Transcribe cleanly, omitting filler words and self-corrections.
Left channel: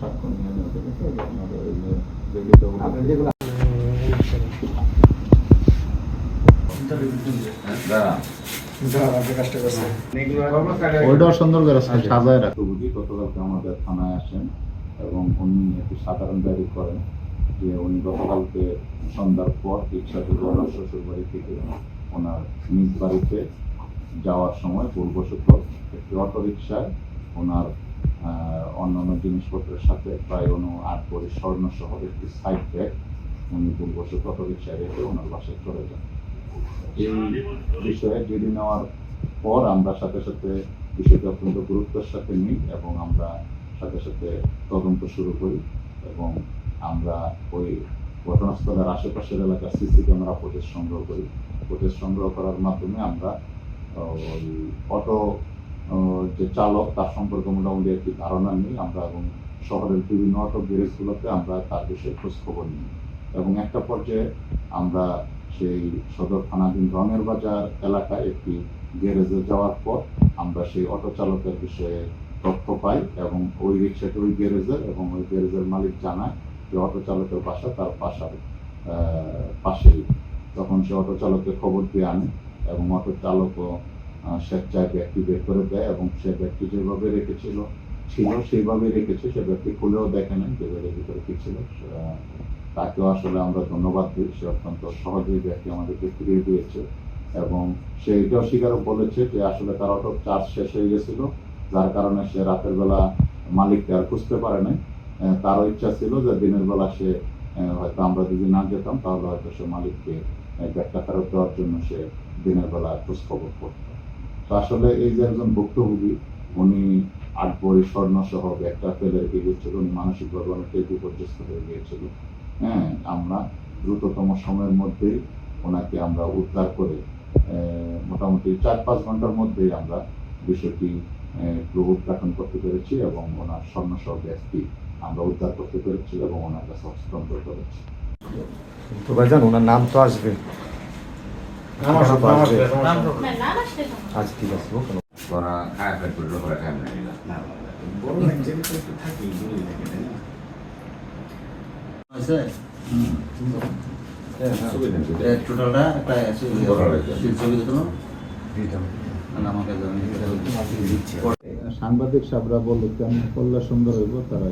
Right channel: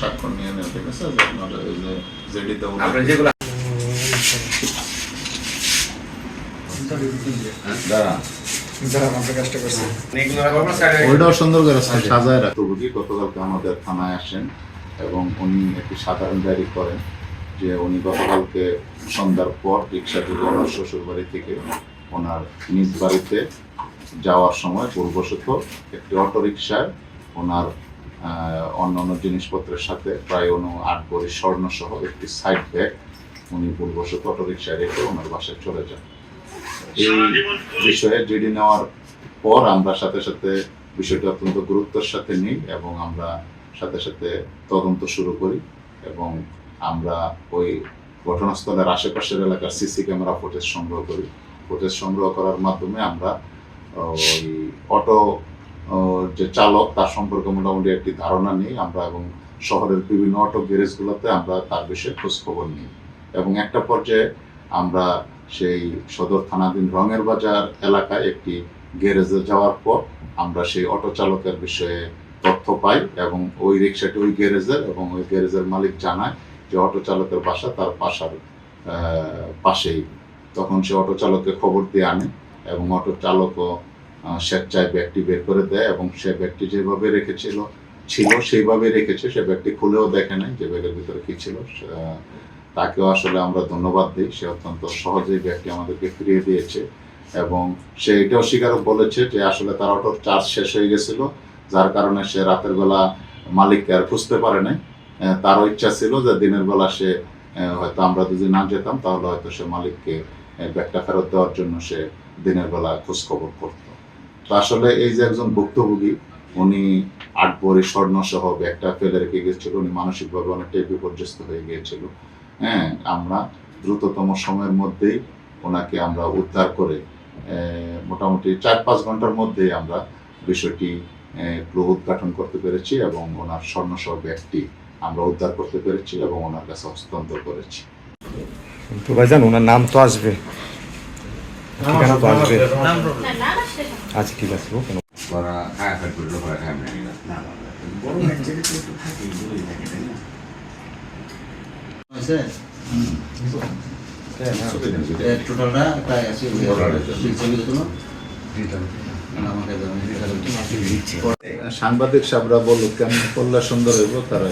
স্বাক্ষর নিয়ে নেন, ঠিক আছে? যে আপনার এই যে জেডিতে আমরা যেগুলো ওইটাও সুন্দর করে সাজায় রাখতে বুঝি। গতকালকে আমাদের থানায় আসেন এবং উনি একটি সাধারণ ডায়েরি করেন যে উনি গতকালকে সন্ধ্যার পর রিক্সা থেকে ওনার শ্বশুর বাড়ি থেকে ওনার নিজ বাড়িতে যাওয়ার সময় ভুলবশত একটি অটো রিক্সায় ওনার অন্যান্য জিনিসপত্রের সাথে প্রায় 8 ভরি স্বর্ণ সহ একটি সাইড ব্যাগ উনি ভুলবশত অটো রিক্সায় রেখে ওনার বাসায় চলে যান। এই বিষয়ে জিডি নেওয়ার পর আমরা সাথে সাথে বিষয়টি অত্যন্ত গুরুত্বের সাথে নিই এবং আমরা সাথে সাথে তদন্ত শুরু করি এবং আমরা ওই ঘটনাস্থলের আশেপাশের এলাকার সিসি ক্যামেরা ফুটেজ সংগ্রহ করি। ফুটেজ সংগ্রহ করার মাধ্যমে আমরা ওই অটো যে চালক তার সম্পর্কে মোটামুটি একটি ধারণা নিই আমরা এবং শহরের বিভিন্ন অটো গ্যারেজগুলোতে আমরা তার বিষয়ে খোঁজ খবর নিই এবং একটা পর্যায়ে আমরা সেই সদর থানাধীন রঙের বাজার এলাকায় একটি গ্যারেজে যাওয়ার পর আমরা সেই অটো চালকের বিষয়ে তথ্য পাই এবং ওই রিক্সাটি ওই গ্যারেজের এবং ওই গ্যারেজের মালিক জানায় যে অটো চালকের বাসা তার বাসার পাশেই। তখন সে অটো চালককে খবর দিয়ে আনে এবং অটো চালকও স্বেচ্ছায় ব্যাগটি বের করে দেয় এবং সে ব্যাগটি যেভাবে রেখেছিল সেইভাবে রেখেছে। সে ব্যাগটি খুলেও দেখে নাই যে ব্যাগের ভিতরে কি ছিল। তাকেও আসলে আমরা ধন্যবাদ দিই, সে অত্যন্ত সহজেই ব্যাগটি আমাদেরকে ফিরিয়ে দিয়েছে এবং সে এটাও স্বীকার বলেছে যে আসলে তার অটোর চার্জ শেষ হয়ে গেছিল, যার কারণে সে রাতের বেলা মালিককে আর খুঁজতে পারে নাই। তারও ইচ্ছা ছিল যে দিনের বেলা সে হয়তো আমরা যদি না যেতাম তাহলে হয়তো সে মালিককে ব্যাগটা ফেরত দেওয়ার জন্য সে দিনের বেলা খোঁজ খবর করত। তো আসলে এই যে একজন ভুক্তভোগী উনি 8 ভরি স্বর্ণ সহ ব্যাগটা ফেলে রেখে গিয়েছিল, উনি মানসিকভাবে অনেকটাই বিপর্যস্ত হয়ে গিয়েছিল। আমরা দ্রুততম সময়ের মধ্যেই ওনাকে আমরা উদ্ধার করে মোটামুটি 4-5 ঘন্টার মধ্যেই আমরা বিষয়টি ক্লু উদ্ঘাটন করতে পেরেছি এবং ওনার স্বর্ণসহ ব্যাগটি আমরা উদ্ধার করতে পেরেছি এবং ওনার কাছে হস্তান্তর করেছি। তো ভাইজান ওনার নাম তো আসবে, আচ্ছা ঠিক আছে। ওরা খায় ফেট করলো ওরা খায় না বড় একটা তো থাকে বই থাকে তাই না আছে টোটালটা প্রায় আছে সাংবাদিক সাহেবরা বললো কেমন করলে সুন্দর হইব তারা